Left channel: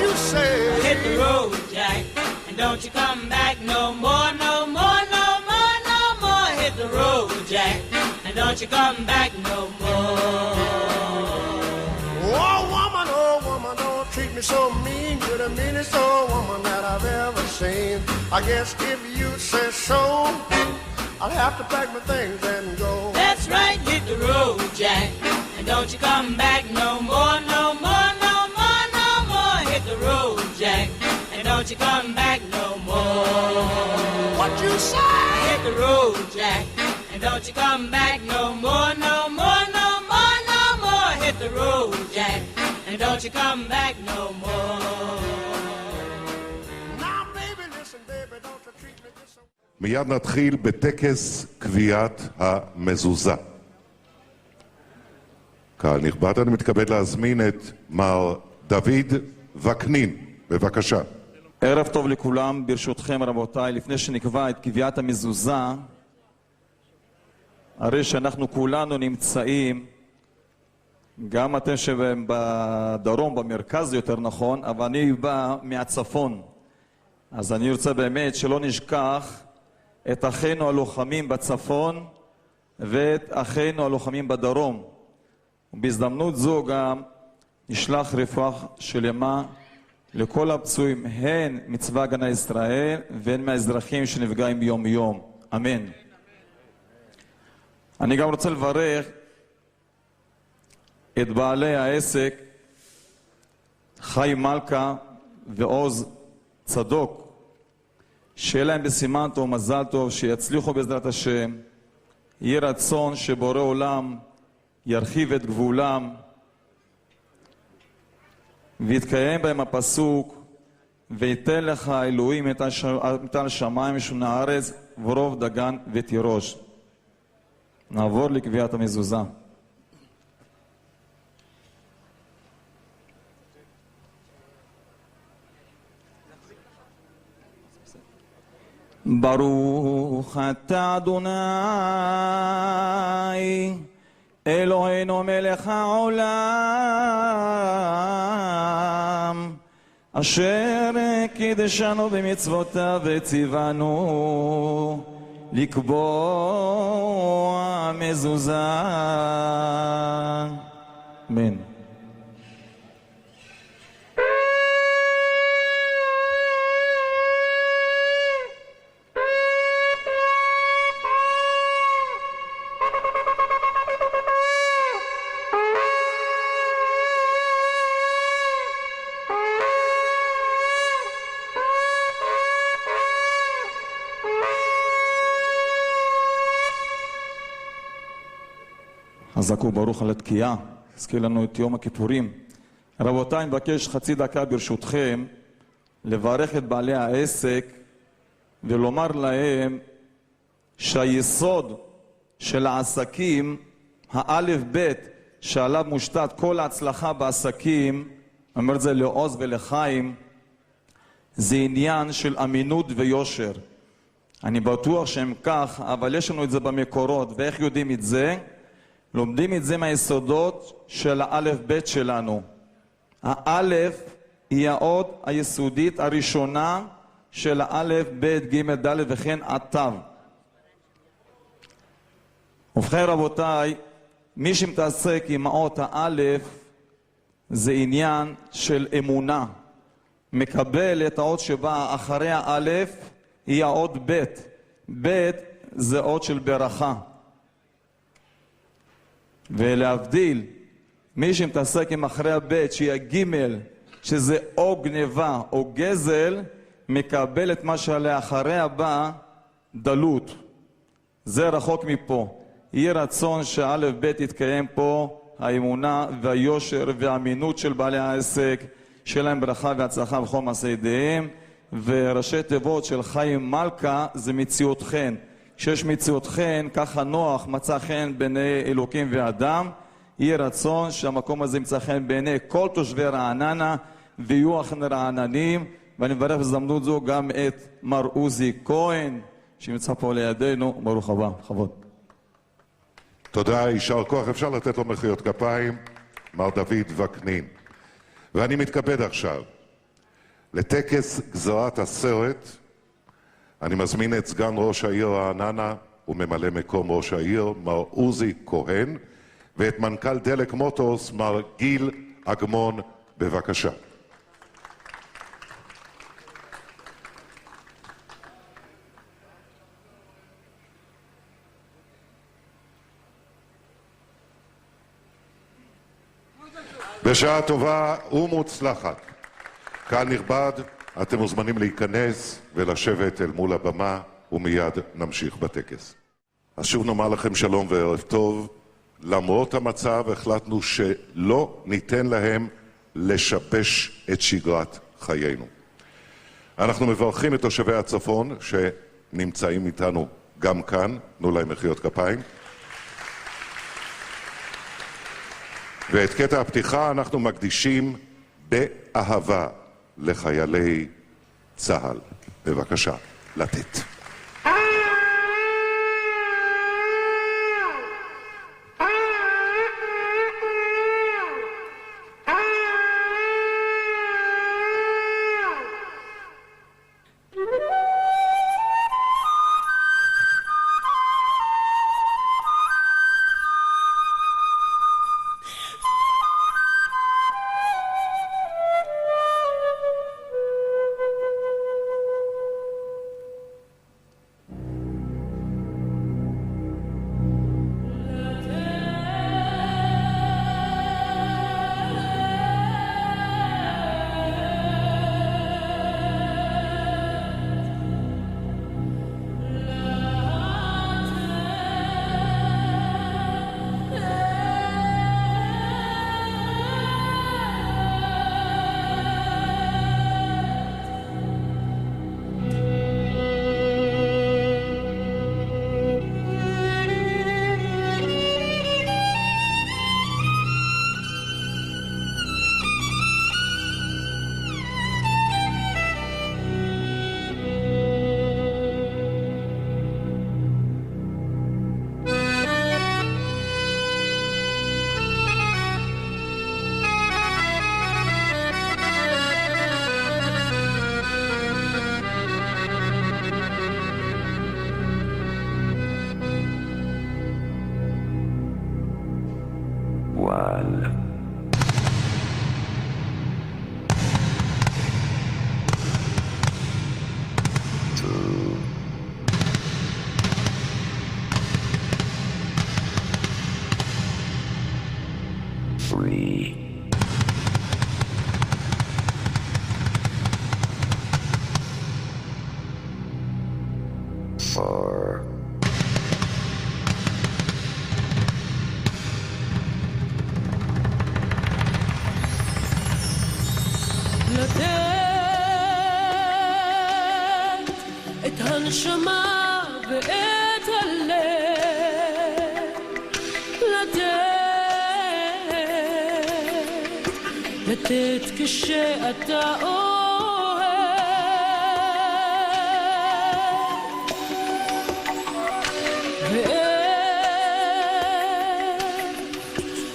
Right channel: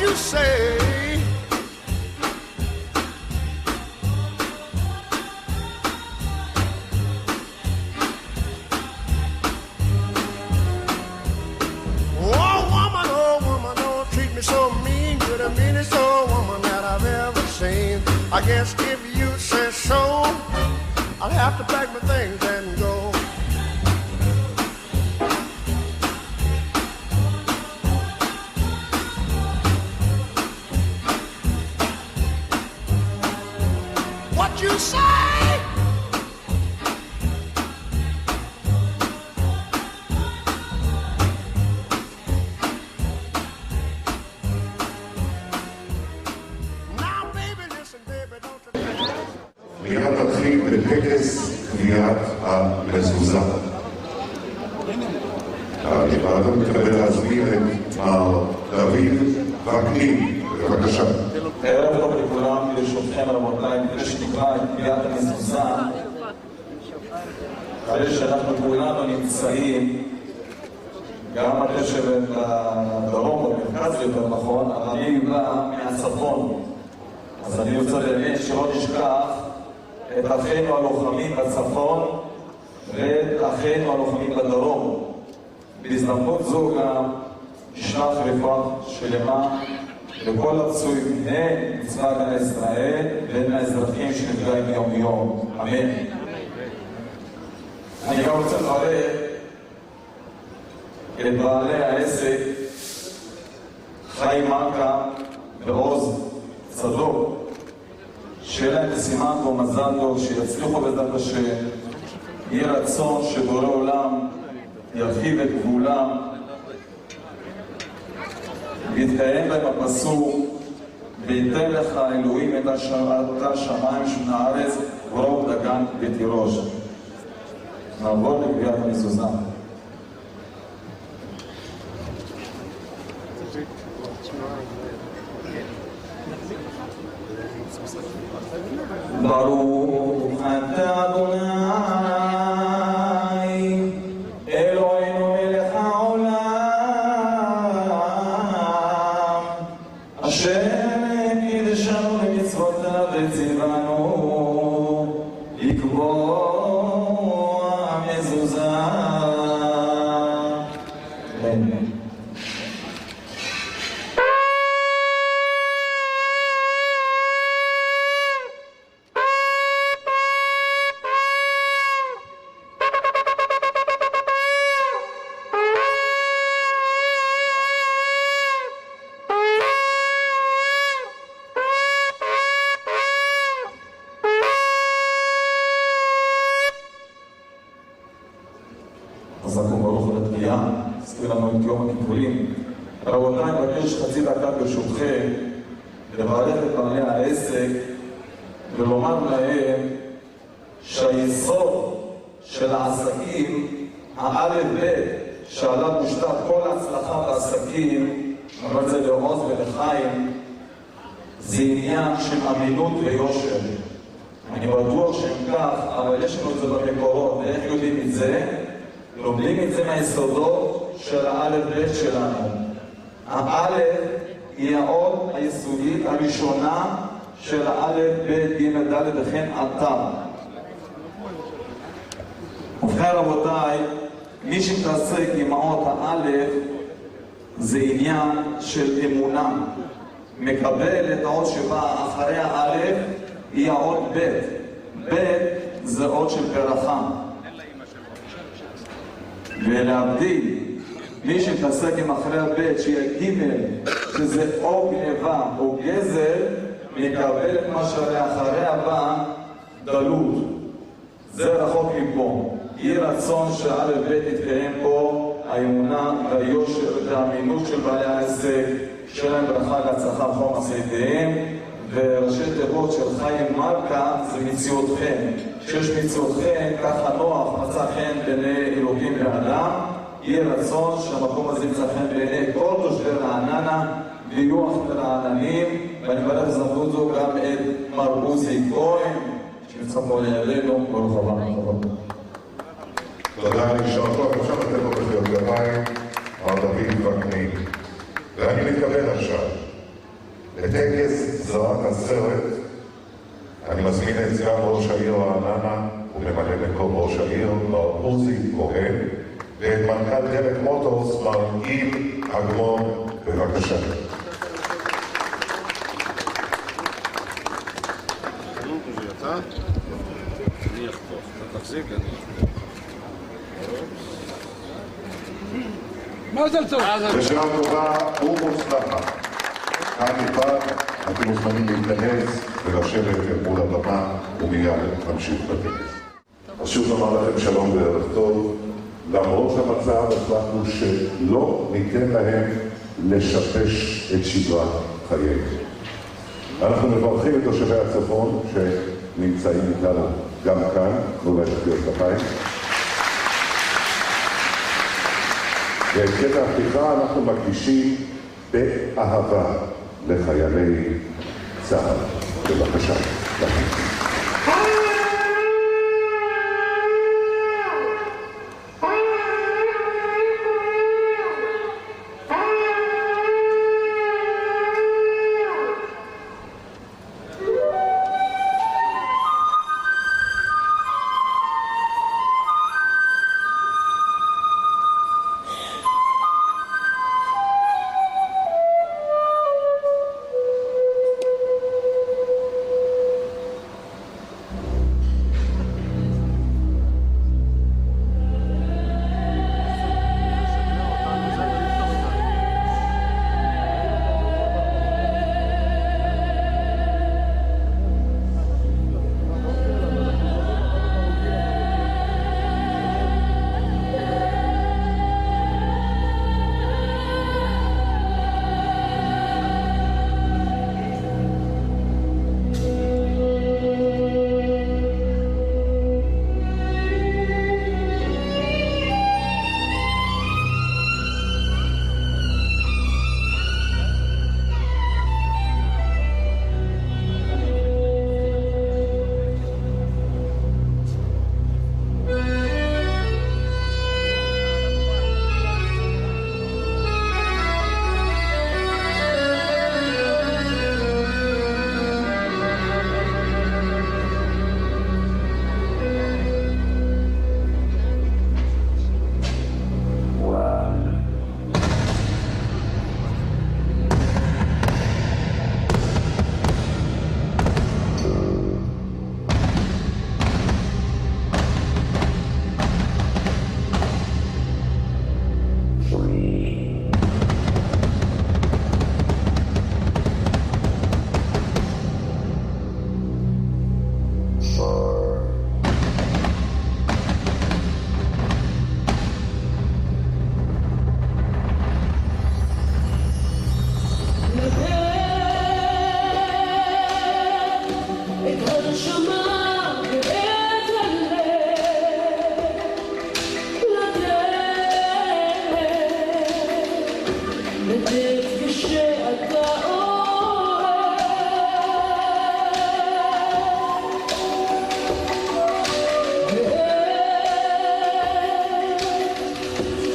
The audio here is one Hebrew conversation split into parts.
you say? Hit the road, Jack, and don't you come back no more, no more, no more, no more. Hit the road, Jack, and don't you come back no more. Oh woman, don't treat me so mean. You're the meanest old woman that I've ever seen. I guess if you say so, I'll have to pack my things and go. That's right, hit the road, Jack, and don't you come back no more, no more, no more, no more. Hit the road, Jack, and don't you come back no more. What you say? Hit the road, Jack, and don't you come back no more, no more, no more, no more. Hit the road, Jack, and don't you come back no more. Now baby, listen, baby, don't you... מיד נתחיל בטקס קביעת המזוזה. כנכבד אני מתכבד להזמין את מר דוד וקנין, בבקשה. ערב טוב לכולם, ברשותכם רבותיי, לפני שנקבע את קביעת המזוזה, הרי שאנחנו כולנו נמצאים, גם אתם שבדרום, במרכז יותר נכון, אבל אני בא מהצפון. אז אני רוצה באמת שלא נשכח את אחינו הלוחמים בצפון ואת אחינו הלוחמים בדרום. בהזדמנות זו גם נשלח רפואה שלמה לכל הפצועים, הן מצבא הגנה ישראל והן מהאזרחים שנפגעים יום יום. אמן. אני גם רוצה לברך את בעלי העסק חיים מלכה ועוז צדוק, שיהיה להם בסימן טוב, מזל טוב, שיצליחו בעזרת השם. יהי רצון שבורא עולם ירחיב את גבולם ויתקיים בהם הפסוק ויתן לך אלוהים את השמיים ושמי הארץ ורוב דגן ותירוש. נעבור לקביעת המזוזה. ברוך אתה אדוני אלוהינו מלך העולם אשר קידשנו במצוותיו וציוונו לקבוע מזוזה. אמן. חזק וברוך על התקיעה, הזכיר לנו את יום הכיפורים. רבותיי, אני מבקש חצי דקה ברשותכם לברך את בעלי העסק ולומר להם שהיסוד של העסקים, האלף בית שעליו מושתת כל ההצלחה בעסקים, אומר את זה לעוז ולחיים, זה עניין של אמינות ויושר. אני בטוח שהם כך, אבל יש לנו את זה במקורות. ואיך יודעים את זה? לומדים את זה מהיסודות של האלף בית שלנו. האלף היא האות היסודית הראשונה של האלף בית ג' ד' וכן עתה. ובכן רבותיי, מי שתעסק עם האות האלף זה עניין של אמונה. מקבל את האות שבאה אחרי האלף היא האות בית. בית זה אות של ברכה. ולהבדיל, מי שמתעסק עם אחרי הבית שהיא הגימל, שזה או גניבה או גזל, מקבל את מה שלאחרי הבא דלות. זה רחוק מפה. יהי רצון שא' ב' יתקיים פה האמונה והיושר והאמינות של בעלי העסק, שיהיה להם ברכה והצלחה לכל מעשי ידיהם. וראשי תיבות של חיים מלכה זה מציאותכם. כשיש מציאותכם, ככה נוח מצא חן בעיני אלוקים ואדם. יהיה רצון שהמקום הזה ימצא חן בעיני כל תושבי רעננה ויהיו אחים רעננים. ואני מברך בזמנות זו גם את מר עוזי כהן שנמצא פה לידינו. ברוך הבא. תודה, יישר כוח. אפשר לתת לו מחיאות כפיים, מר דוד וקנין. ואני מתכבד עכשיו לטקס גזרת הסרט אני מזמין את סגן ראש העיר רעננה וממלא מקום ראש העיר מר עוזי כהן ואת מנכ"ל דלק מוטורס מר גיל אגמון, בבקשה. בשעה טובה ומוצלחת. כאן נכבד, אתם מוזמנים להיכנס ולשבת אל מול הבמה ומיד נמשיך בטקס. אז שוב נאמר לכם שלום וערב טוב. למרות המצב החלטנו שלא ניתן להם לשבש את שגרת חיינו. אנחנו מברכים את תושבי הצפון שנמצאים איתנו גם כאן, תנו להם מחיאות כפיים. ואת קטע הפתיחה אנחנו מקדישים באהבה לחיילי צה"ל. בבקשה, לתת.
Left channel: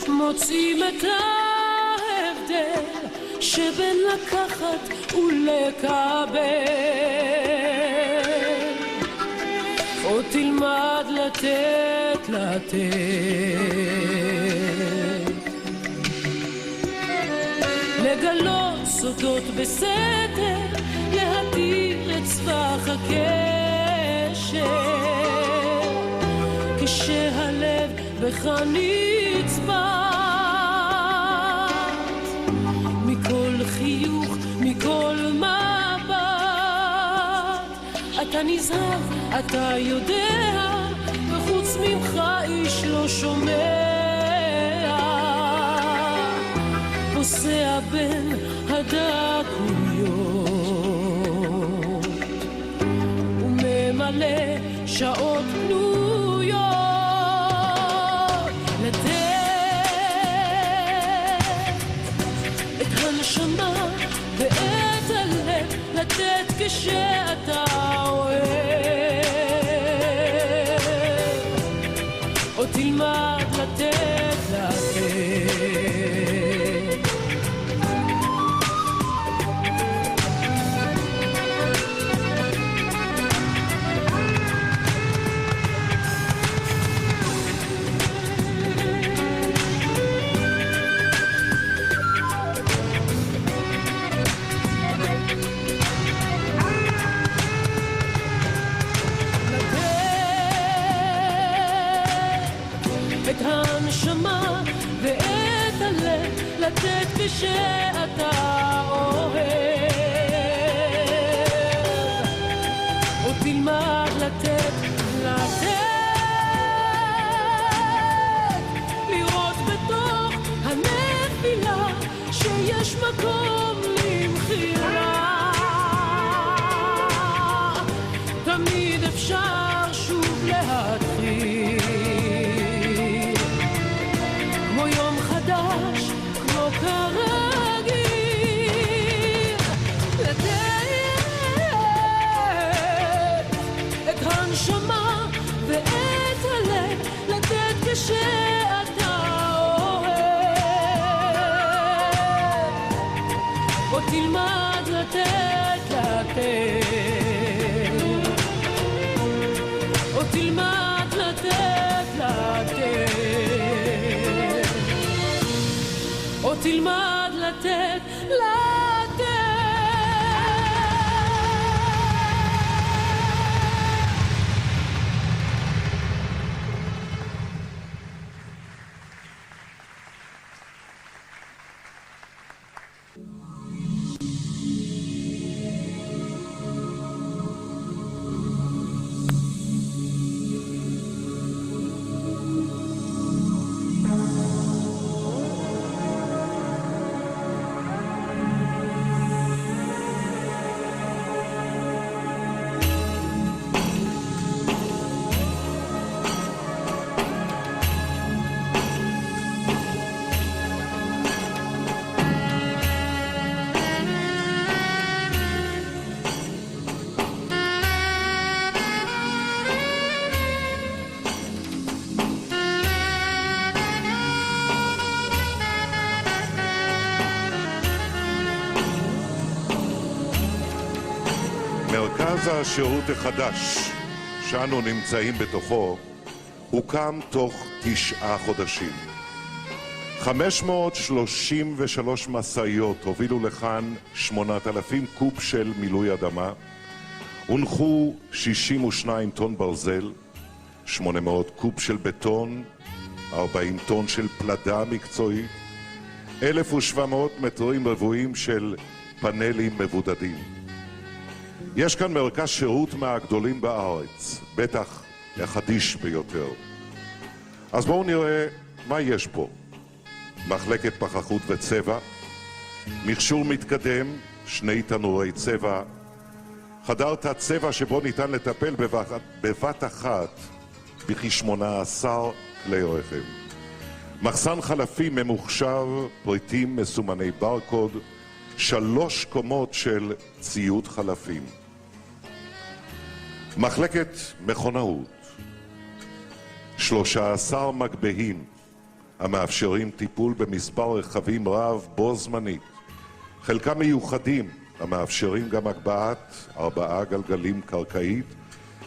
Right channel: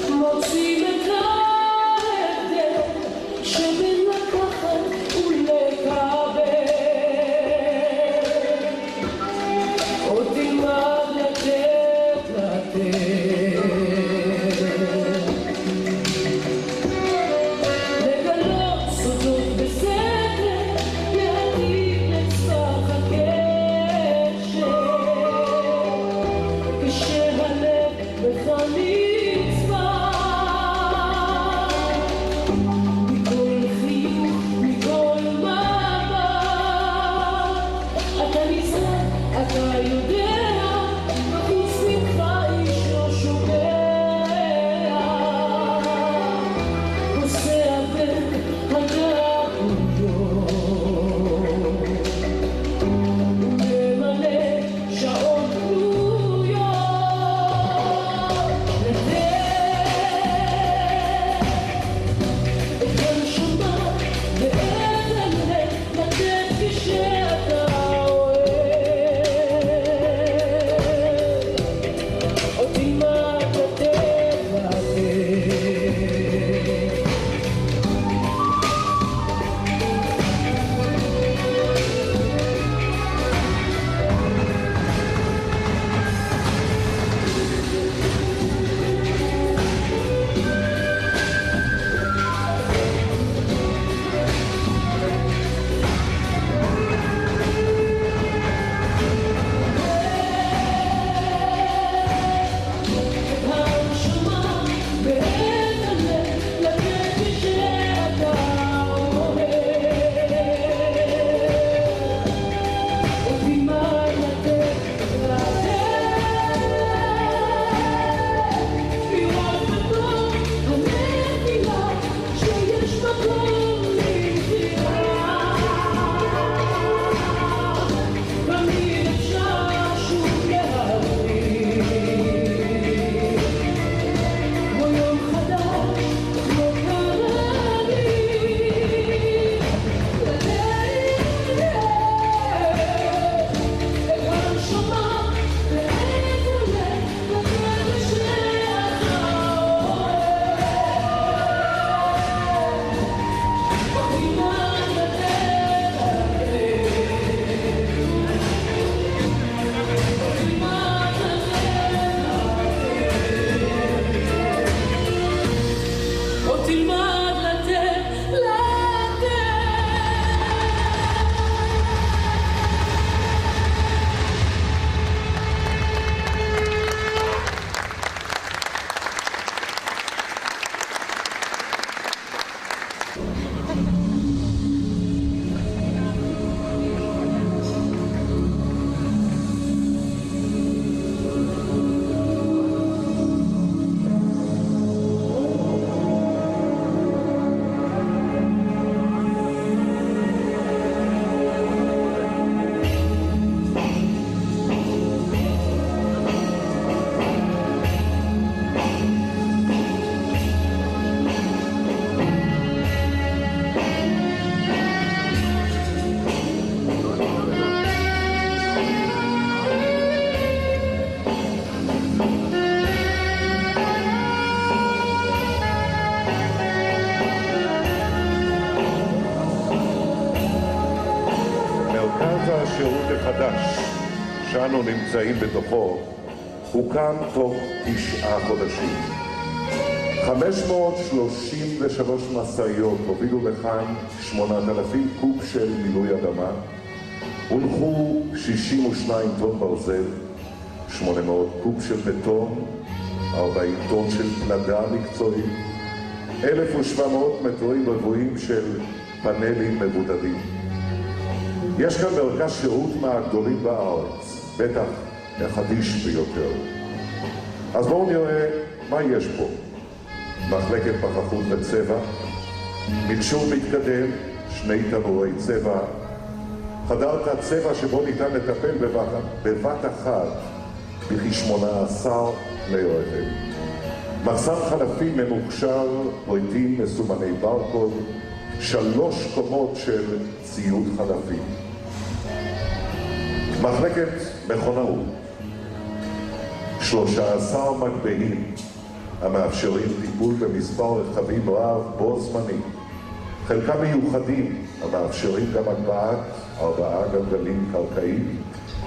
מוצאים את ההבדל שבין לקחת ולקבל, או תלמד לתת לגלות סודות בסתר, להדיר את סבך הקשר, כשהלב בך נצבע מכל חיוך, מכל מבט. אתה נזהר, אתה יודע, וחוץ ממך איש לא שומע, נוסע בין הדקויות וממלא שעות פנויות, את הנשמה ואת הלב לתת כשאתה אוהב, או תלמד לתת מרכז השירות החדש, שאנו נמצאים בתוכו, הוקם תוך 9 חודשים. 533 משאיות הובילו לכאן 8,000 קוב של מילוי אדמה, הונחו 62 טון ברזל, 800 קוב של בטון, 40 טון של פלדה מקצועית, 1,700 מטרים רבועים של פאנלים מבודדים. יש כאן מרכז שירות מהגדולים בארץ, בטח החדיש ביותר. אז בואו נראה מה יש פה. מחלקת פחחות וצבע, מכשור מתקדם, 2 תנורי צבע, חדר תת-צבע שבו ניתן לטפל בבת אחת בכ-18 כלי רכב. מחסן חלפים ממוחשב, פריטים מסומני ברקוד, 3 קומות של ציוד חלפים. מחלקת מכונאות, 13 מגבהים המאפשרים טיפול במספר רכבים רב בו זמנית. חלקם מיוחדים המאפשרים גם הגבהת 4 גלגלים קרקעיים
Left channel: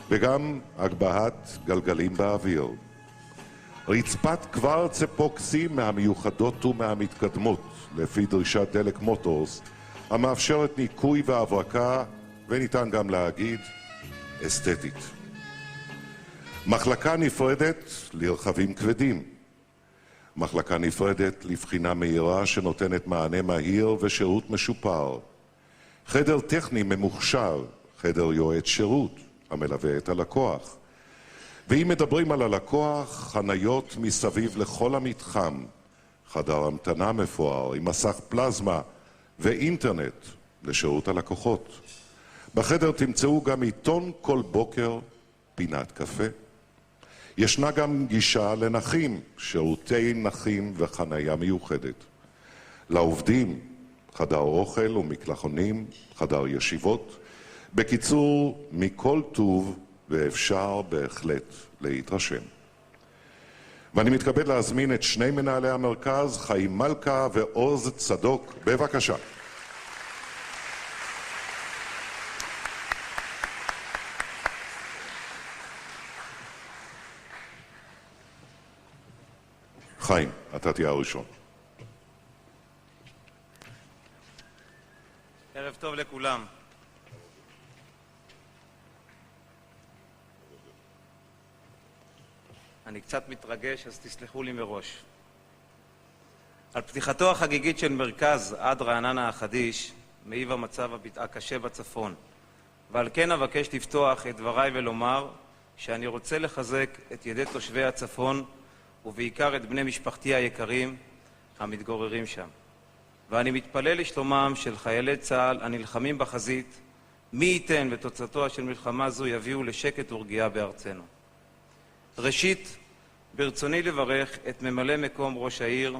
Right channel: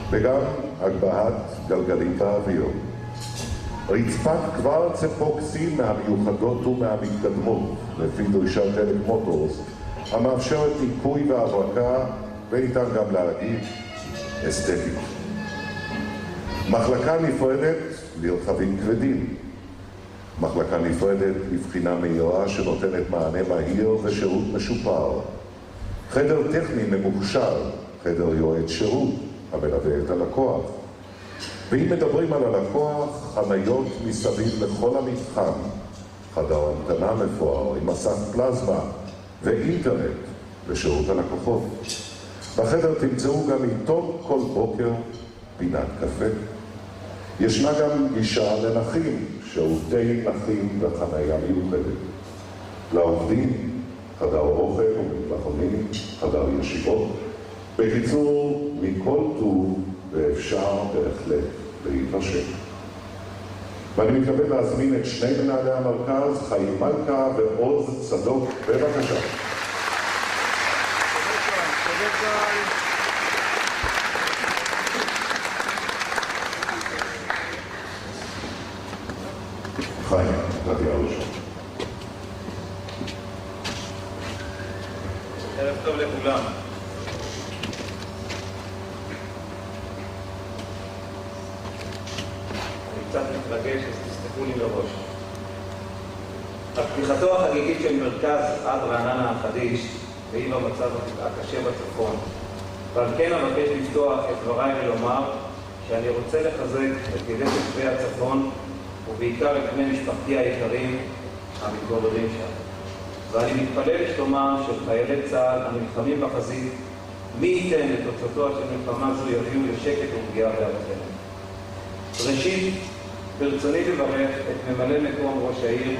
וגם הגבהת גלגלים באוויר. רצפת קוורץ אפוקסי מהמיוחדות ומהמתקדמות לפי דרישת דלק מוטורס המאפשרת ניקוי והברקה וניתן גם להגיד אסתטית. מחלקה נפרדת לרכבים כבדים. מחלקה נפרדת לבחינה מהירה שנותנת מענה מהיר ושירות משופר. חדר טכני ממוחשב, חדר יועץ שירות המלווה את הלקוח. ואם מדברים על הלקוח, חניות מסביב לכל המתחם, חדר המתנה מפואר עם מסך פלזמה ואינטרנט לשירות הלקוחות. בחדר תמצאו גם עיתון כל בוקר, פינת קפה. ישנה גם גישה לנכים, שירותי נכים וחנייה מיוחדת. לעובדים, חדר אוכל ומקלחונים, חדר ישיבות. בקיצור, מכל טוב ואפשר בהחלט להתרשם. ואני מתכבד להזמין את 2 מנהלי המרכז, חיים מלכה ועוז צדוק. בבקשה. חיים, אתה תהיה הראשון. ערב טוב לכולם. אני קצת מתרגש, אז תסתכלו לי בראש. על פתיחתו החגיגית של מרכז עד רעננה החדיש, והיא במצב הקשה בצפון. ועל כן אבקש לפתוח את דבריי ולומר שאני רוצה לחזק את ידי תושבי הצפון ובעיקר את בני משפחתי היקרים המתגוררים שם. ואני מתפלל לשלומם של חיילי צה"ל הנלחמים בחזית, מי ייתן לתוצאתו של מלחמה זו יביאו לשקט ורגיעה בארצנו. ראשית, ברצוני לברך את ממלא מקום ראש העיר